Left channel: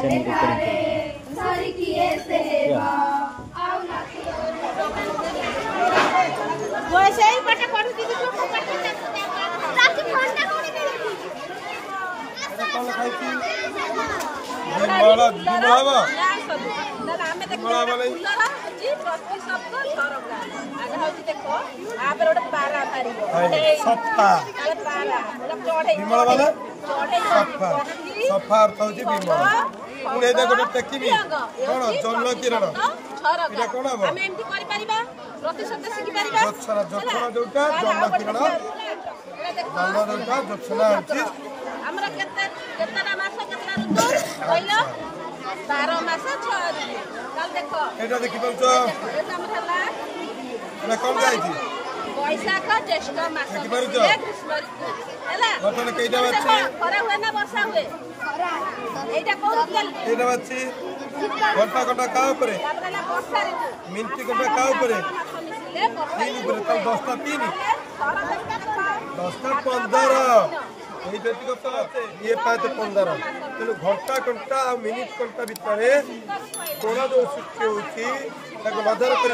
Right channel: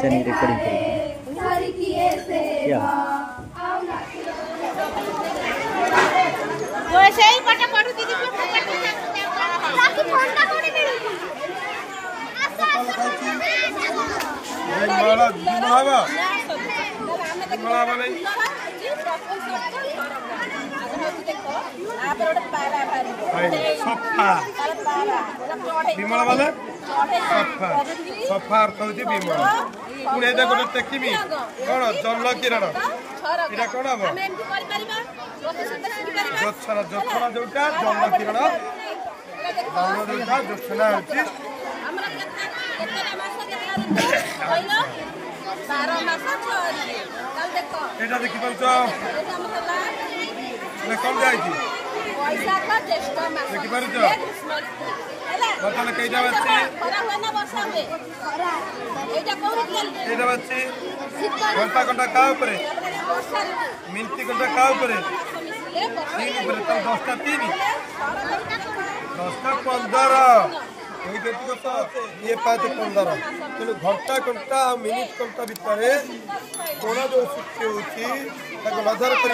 channel recording जो ऐसे ही पटे पड़ू दीदी को पटे ताकि ठंडा होने दे वैशाख ज्येष्ठ मास ग्रीष्म ऋतु खरा हुए ना वर्षा हुए एटा कोन एटा बच्ची घंटा घंटा का ऊपर वर्षा ऋतु मिनट घंटा का ऊपर 10टा 3 10टा 15 ये 5-15 तेणु घंटा घंटा आ मिनिट घंटा भितर कोण जो सृष्टि होची नजर कर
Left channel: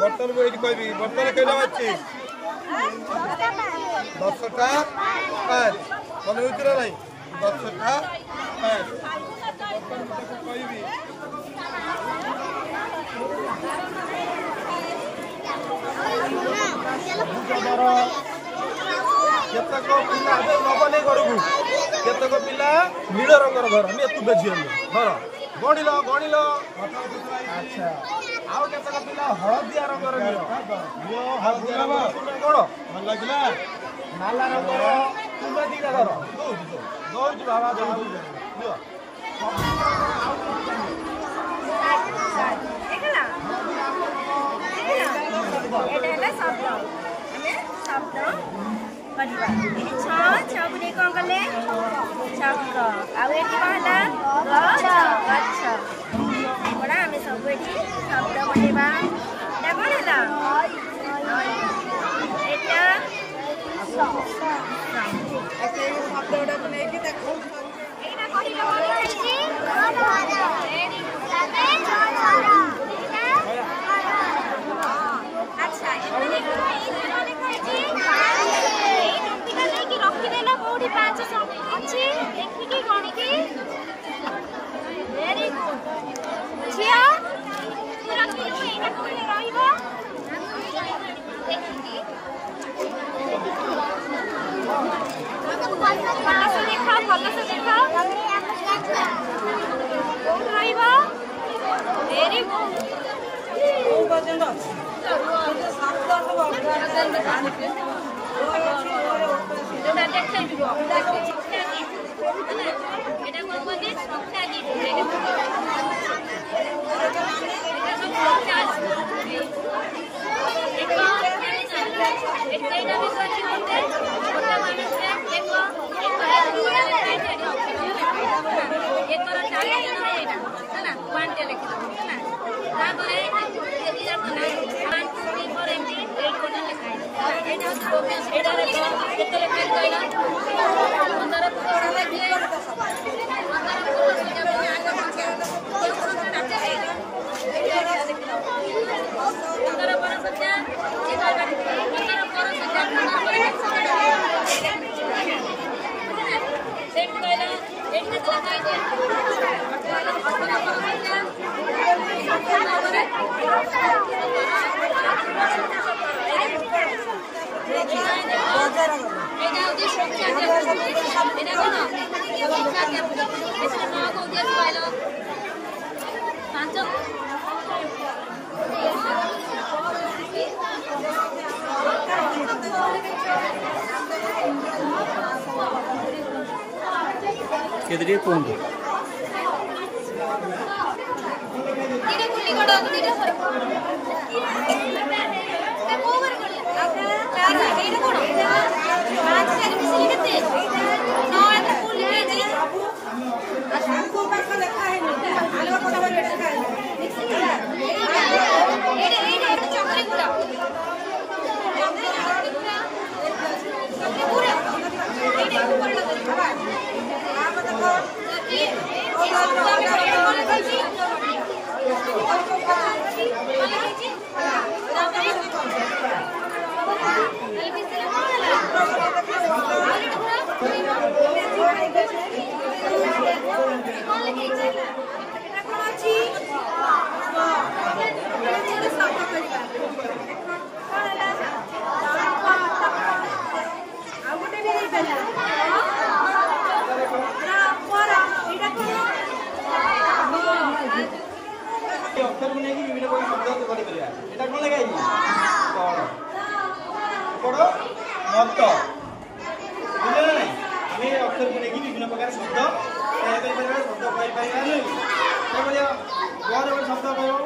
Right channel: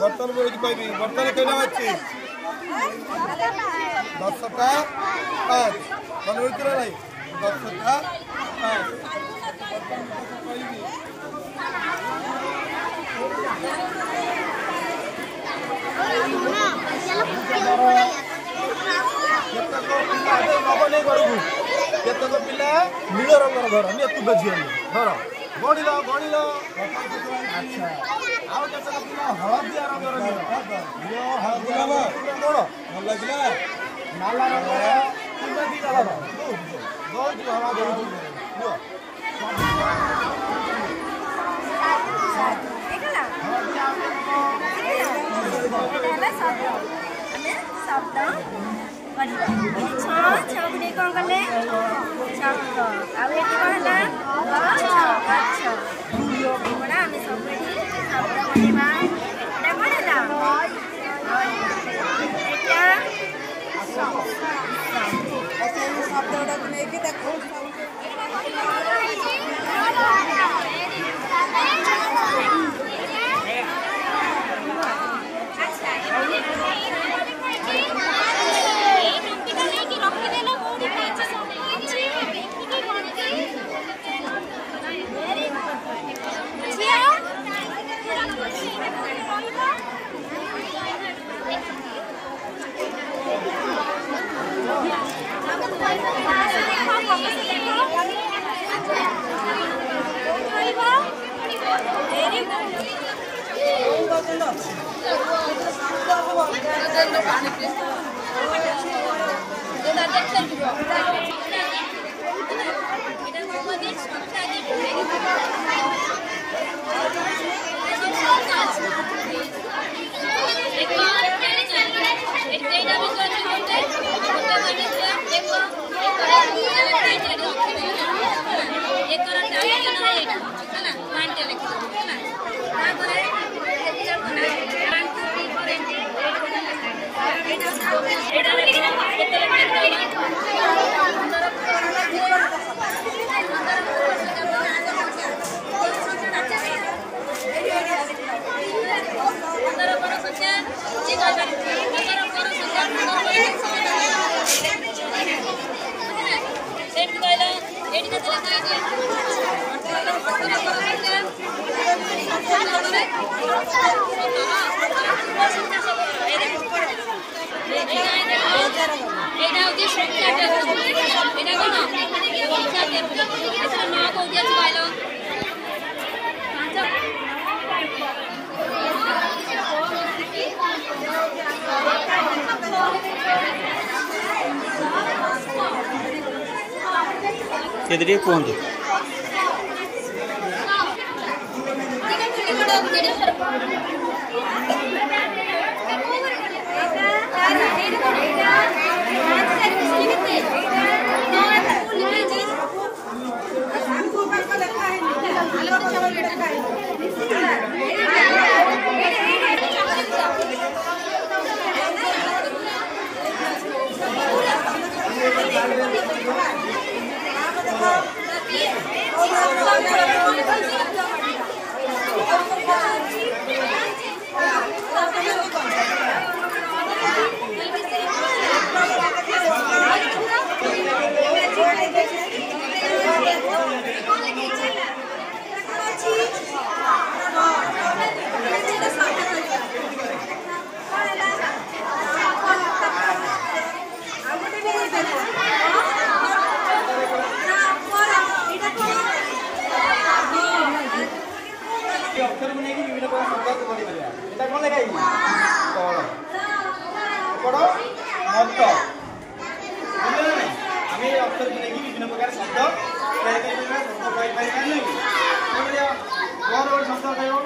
बर्तन मुझे कहबी बर्तन कईटा अच्छी 10टा 5 मन हो ना 10टा 5 बर्तन कहबी केतक पिला नबने घर को केतक पिला नील रंगर घर एतुट झील घर गणिल गणिल अच्छा आउ केतक पिला हलदिया रंगर घर हलदिया कौन भल लगे नाला रंगर तुम्हें दीटा घर दौड़ बाबा दौड़ शब्द छुने कौन कले शब्द आउ बड़ा आम सब शब्द बनवा शब्द गुड़ा को नहीं केदरी कहतु ये अक्षर को नहीं विभिन्न प्रकार शब्द बनी परिया एटा कोन लेखाई पढ़ मत बुझले ना आमे अक्षर को नहीं विभिन्न प्रकार शब्द तैयार कर परिया शब्द कहि पाइबा नहीं ए बलिया और शब्द कहियो